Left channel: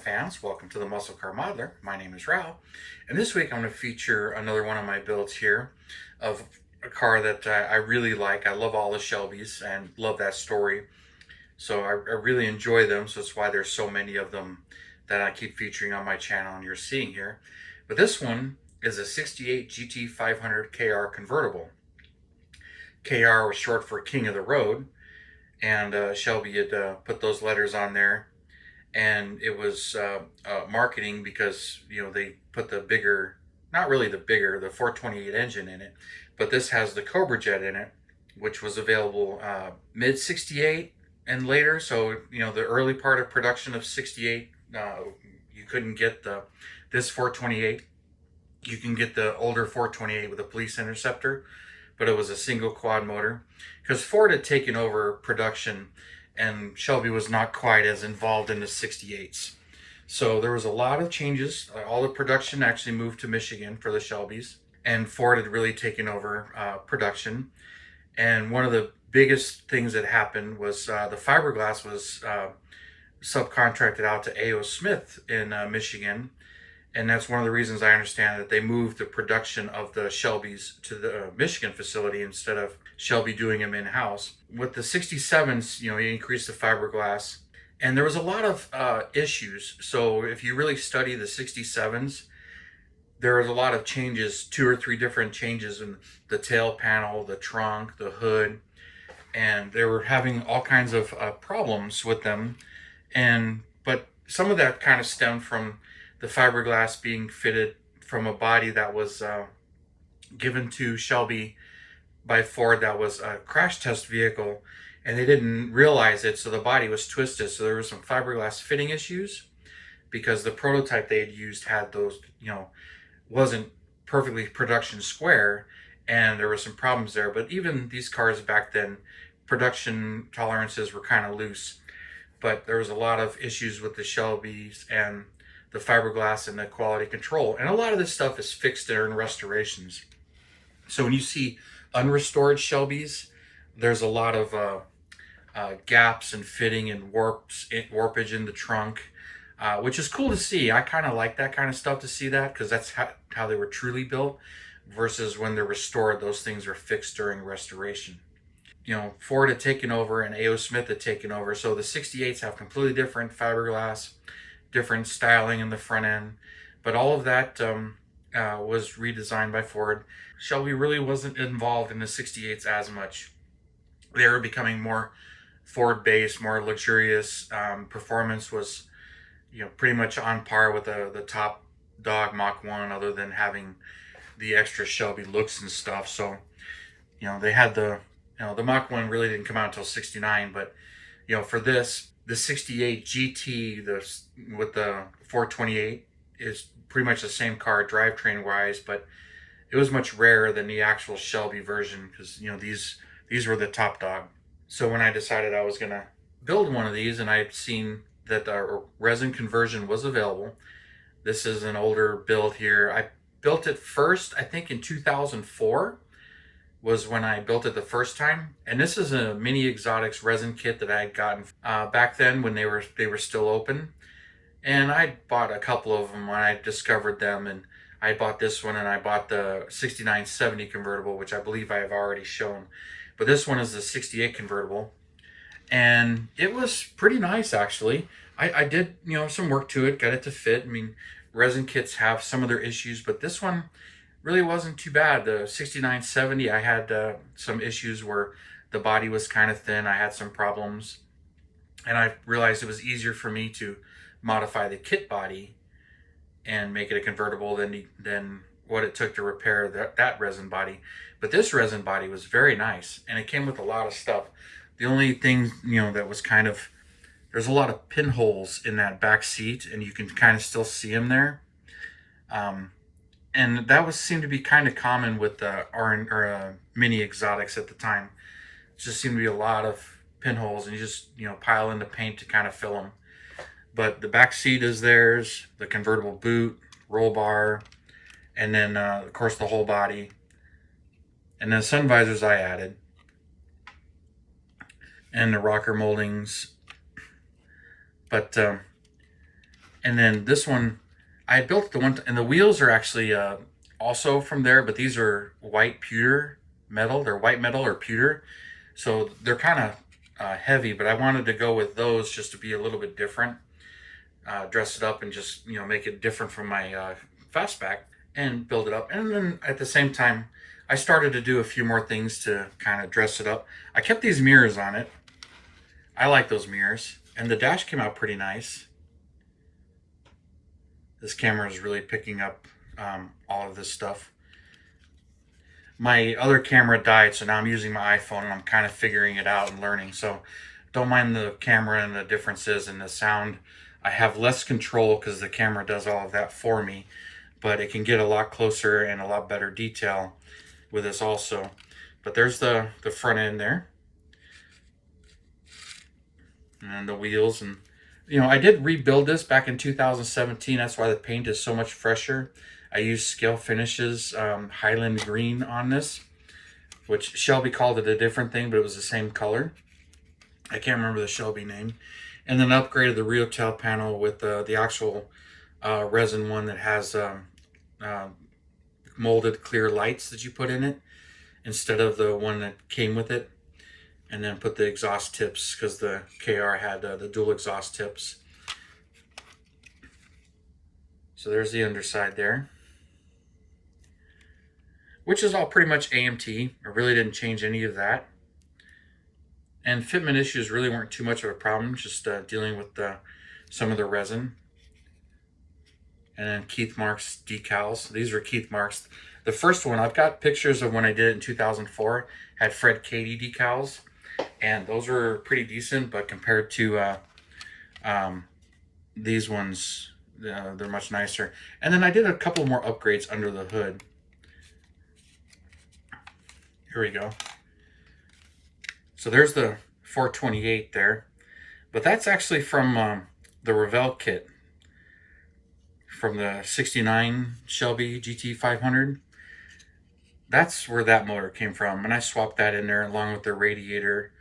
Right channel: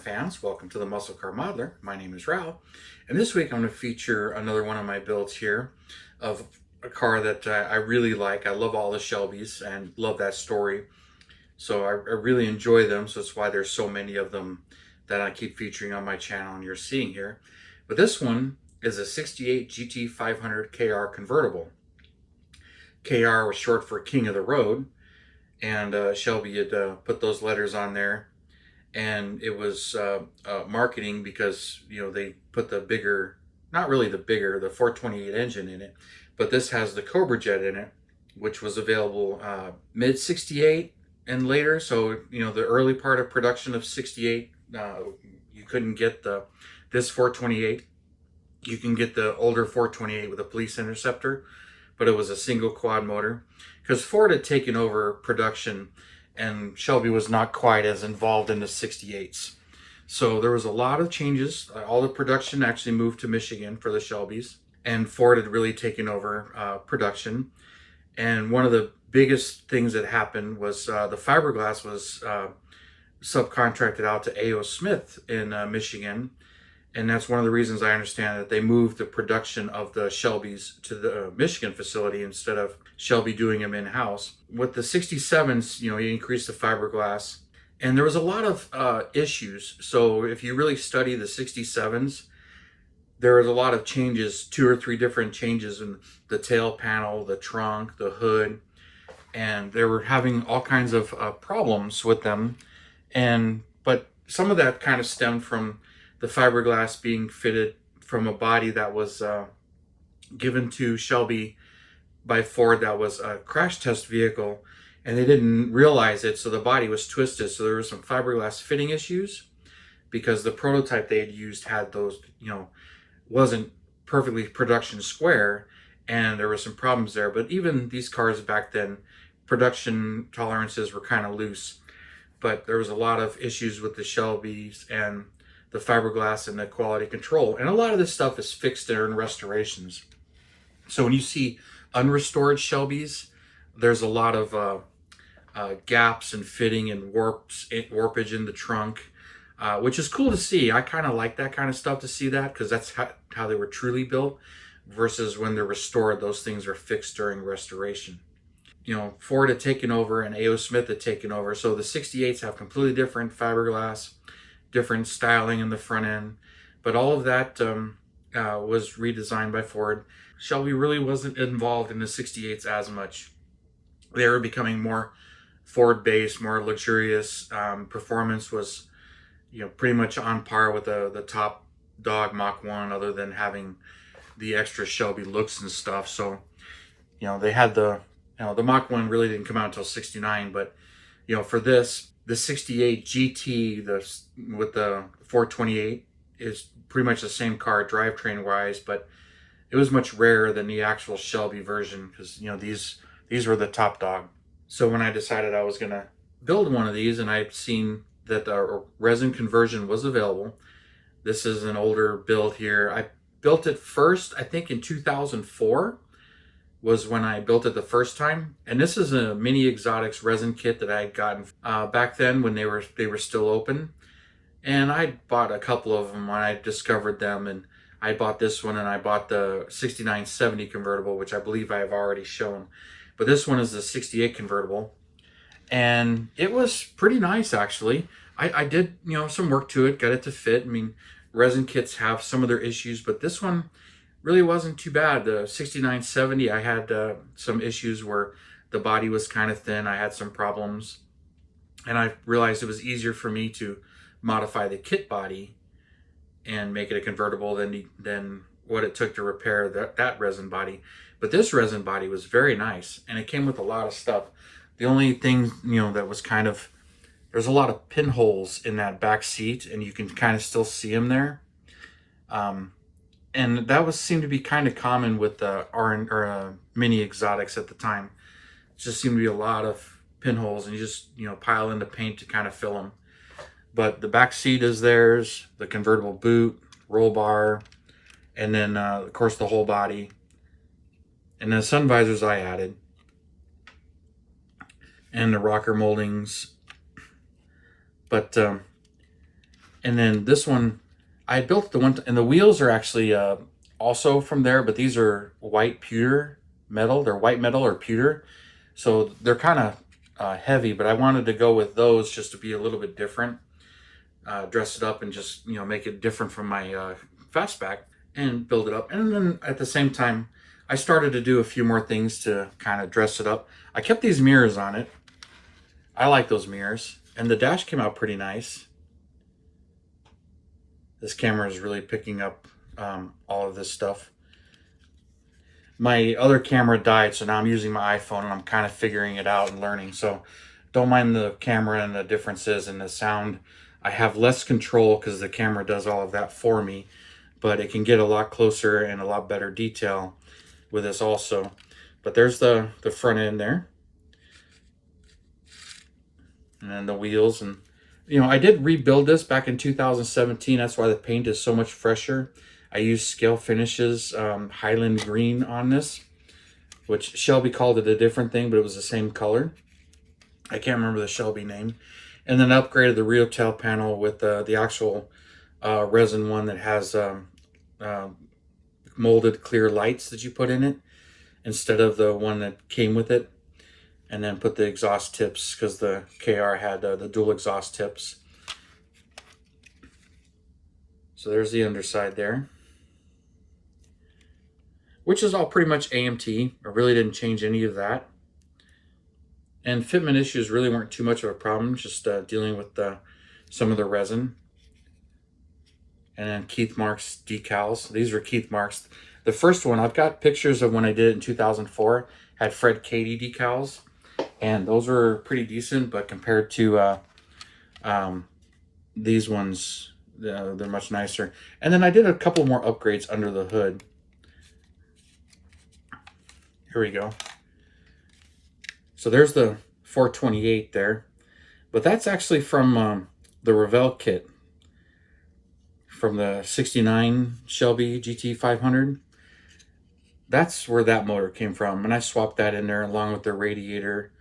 fans. Welcome to the Muscle Car Modeler. My name is Rao, and this week I'm going to feature another one of my builds here of a car that I really like. I love all the Shelbys and love that story, so I really enjoy them, so that's why there's so many of them that I keep featuring on my channel and you're seeing here. But this one is a 68 GT500KR convertible. KR was short for King of the Road, and Shelby had put those letters on there, and it was marketing because they put the bigger, not really the bigger, the 428 engine in it, but this has the Cobra Jet in it, which was available mid 68 and later. So the early part of production of 68, you couldn't get this 428. You can get the older 428 with a police interceptor, but it was a single quad motor because Ford had taken over production and Shelby was not quite as involved in the 68s. So there was a lot of changes. All the production actually moved to Michigan for the Shelbys, and Ford had really taken over production. And one of the biggest things that happened was the fiberglass was subcontracted out to A.O. Smith in Michigan. And that's one of the reasons I understand that they moved the production of the Shelbys to the Michigan facility instead of Shelby doing them in-house. With the 67s, you increased the fiberglass. And there was a lot of issues. So if you really study the 67s, there was a lot of changes, 2 or 3 different changes in the tail panel, the trunk, the hood. And they were having all kinds of problems with them. But some of that kind of stemmed from the fiberglass being fitted from a body that was given to Shelby by Ford that was a crash test vehicle, and they didn't realize it, so the body was twisted. So there were some fiberglass fitting issues because the prototype they had used had those, wasn't perfectly production square, and there were some problems there. But even these cars back then, production tolerances were kind of loose, but there was a lot of issues with the Shelbys and the fiberglass and the quality control. And a lot of this stuff is fixed during restorations. So when you see unrestored Shelbys, there's a lot of gaps and fitting and warpage in the trunk, which is cool to see. I kind of like that kind of stuff to see that, because that's how they were truly built, versus when they're restored, those things are fixed during restoration. Ford had taken over and A.O. Smith had taken over. So the 68s have completely different fiberglass, different styling in the front end, but all of that was redesigned by Ford. Shelby really wasn't involved in the 68s as much. They were becoming more Ford-based, more luxurious. Performance was, pretty much on par with the top dog Mach 1, other than having the extra Shelby looks and stuff. So, they had the Mach 1 really didn't come out until 69, but, for this, the 68 GT with the 428 is pretty much the same car drivetrain wise, but it was much rarer than the actual Shelby version because these were the top dog. So when I decided I was gonna build one of these, and I'd seen that a resin conversion was available. This is an older build here. I built it first, I think in 2004. Was when I built it the first time, and this is a Mini Exotics resin kit that I had gotten back then when they were still open, and I bought a couple of them when I discovered them. And I bought this one, and I bought the 6970 convertible, which I believe I have already shown, but this one is the 68 convertible, and it was pretty nice actually. I did some work to it, got it to fit. I mean, resin kits have some of their issues, but this one really wasn't too bad. The 6970, I had some issues where the body was kind of thin. I had some problems, and I realized it was easier for me to modify the kit body and make it a convertible than what it took to repair that resin body. But this resin body was very nice, and it came with a lot of stuff. The only thing that was kind of, there's a lot of pinholes in that back seat, and you can kind of still see them there. And that seemed to be kind of common with the Mini Exotics at the time. It just seemed to be a lot of pinholes, and you just pile in the paint to kind of fill them. But the back seat is theirs, the convertible boot, roll bar, and then of course the whole body, and then sun visors I added, and the rocker moldings. But And then this one, I built the one, and the wheels are actually also from there, but these are white pewter metal. They're white metal or pewter, so they're kind of heavy. But I wanted to go with those just to be a little bit different, dress it up, and just make it different from my fastback and build it up. And then at the same time, I started to do a few more things to kind of dress it up. I kept these mirrors on it. I like those mirrors, and the dash came out pretty nice. This camera is really picking up all of this stuff. My other camera died, so now I'm using my iPhone, and I'm kind of figuring it out and learning. So don't mind the camera and the differences in the sound. I have less control because the camera does all of that for me, but it can get a lot closer and a lot better detail with this also. But there's the front end there, and then the wheels. And I did rebuild this back in 2017. That's why the paint is so much fresher. I used Scale Finishes Highland Green on this, which Shelby called it a different thing, but it was the same color. I can't remember the Shelby name. And then upgraded the rear tail panel with the actual resin one that has molded clear lights that you put in it instead of the one that came with it. And then put the exhaust tips, because the KR had the dual exhaust tips. So there's the underside there, which is all pretty much AMT. I really didn't change any of that. And fitment issues really weren't too much of a problem, just dealing with some of the resin. And then Keith Marks decals. These are Keith Marks. The first one, I've got pictures of when I did it in 2004, had Fred Cady decals. And those were pretty decent, but compared to these ones, they're much nicer. And then I did a couple more upgrades under the hood. Here we go. So there's the 428 there, but that's actually from the Revell kit from the 69 Shelby GT500. That's where that motor came from, and I swapped that in there along with the radiator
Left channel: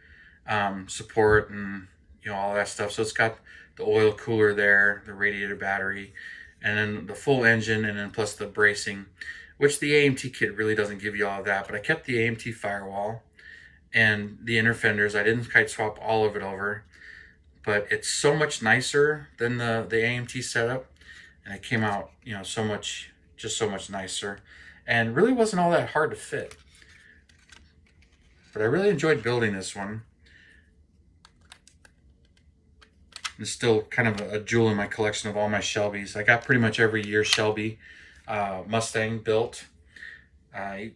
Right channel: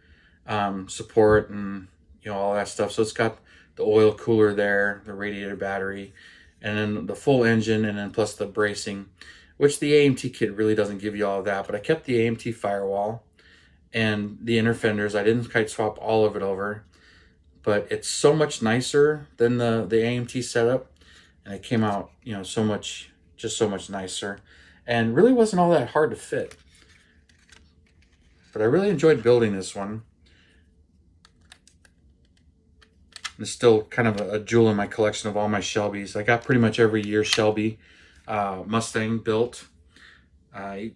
support and all that stuff. So it's got the oil cooler there, the radiator battery, and then the full engine, and then plus the bracing, which the AMT kit really doesn't give you all of that. But I kept the AMT firewall and the inner fenders. I didn't kite swap all of it over, but it's so much nicer than the AMT setup, and it came out so much nicer, and really wasn't all that hard to fit. But I really enjoyed building this one. It's still kind of a jewel in my collection of all my Shelbys. I got pretty much every year Shelby Mustang built,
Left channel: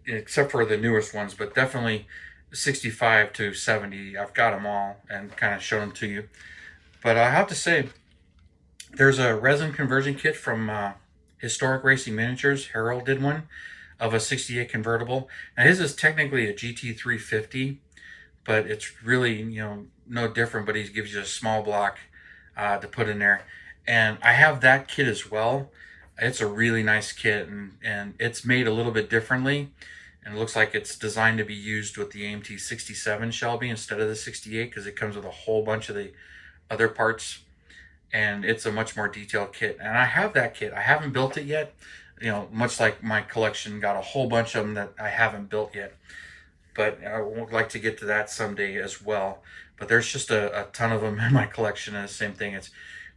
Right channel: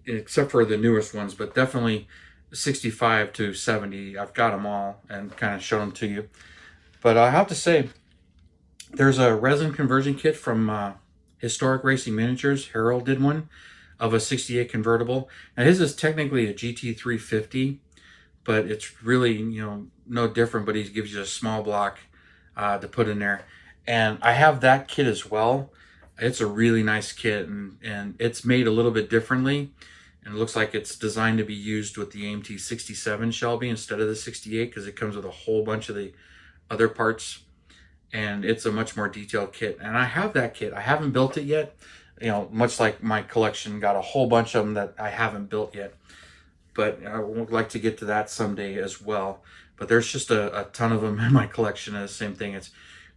except for the newest ones, but definitely 65 to 70. I've got them all and kind of shown them to you. But I have to say, there's a resin conversion kit from Historic Racing Miniatures. Harold did one of a 68 convertible. Now his is technically a GT350, but it's really no different, but he gives you a small block to put in there. And I have that kit as well. It's a really nice kit, and it's made a little bit differently, and it looks like it's designed to be used with the AMT 67 Shelby instead of the 68, because it comes with a whole bunch of the other parts, and it's a much more detailed kit. And I have that kit. I haven't built it yet, much like my collection, got a whole bunch of them that I haven't built yet, but I would like to get to that someday as well. But there's just a ton of them in my collection, and the same thing. It's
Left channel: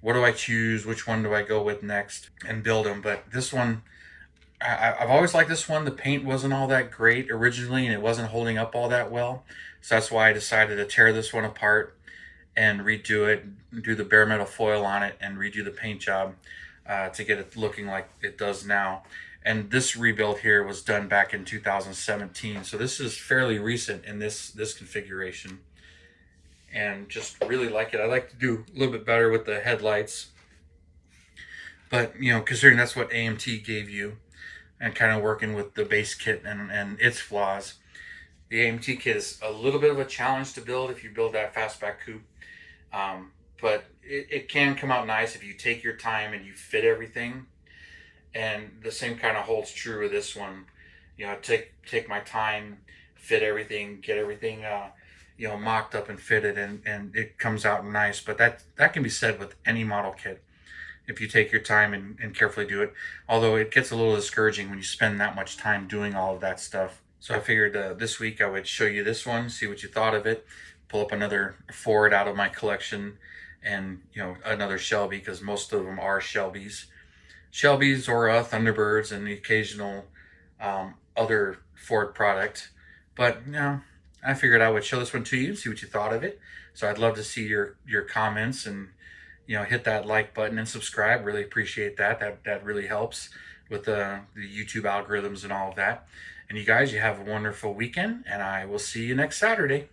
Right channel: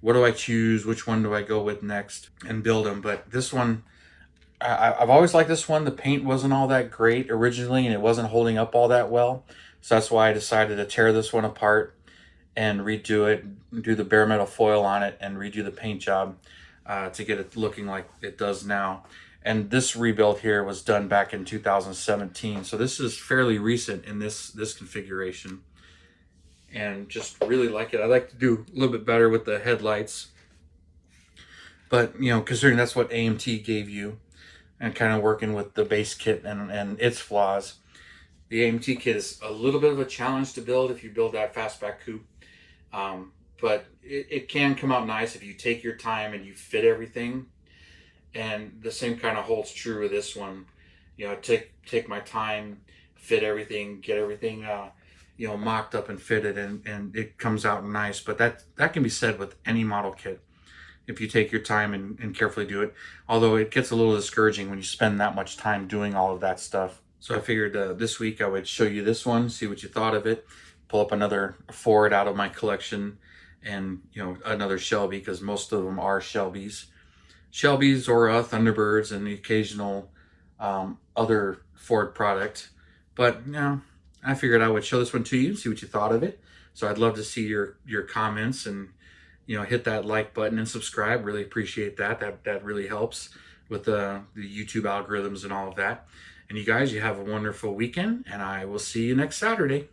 what do I choose? Which one do I go with next and build them? But this one, I've always liked this one. The paint wasn't all that great originally, and it wasn't holding up all that well. So that's why I decided to tear this one apart and redo it, do the bare metal foil on it, and redo the paint job to get it looking like it does now. And this rebuild here was done back in 2017. So this is fairly recent in this configuration. And just really like it. I like to do a little bit better with the headlights. But, considering that's what AMT gave you, and kind of working with the base kit and its flaws, the AMT kit is a little bit of a challenge to build if you build that fastback coupe. But it can come out nice if you take your time and you fit everything. And the same kind of holds true with this one. Take my time, fit everything, get everything mocked up and fitted, and it comes out nice. But that can be said with any model kit. if you take your time and carefully do it. Although it gets a little discouraging when you spend that much time doing all of that stuff. So I figured this week I would show you this one, see what you thought of it, pull up another Ford out of my collection, and another Shelby, because most of them are Shelby's or Thunderbirds, and the occasional other Ford product. But I figured I would show this one to you, see what you thought of it. So I'd love to see your comments, and hit that like button and subscribe. Really appreciate that. That really helps with the YouTube algorithms and all of that. And you guys, you have a wonderful weekend, and I will see you next Saturday.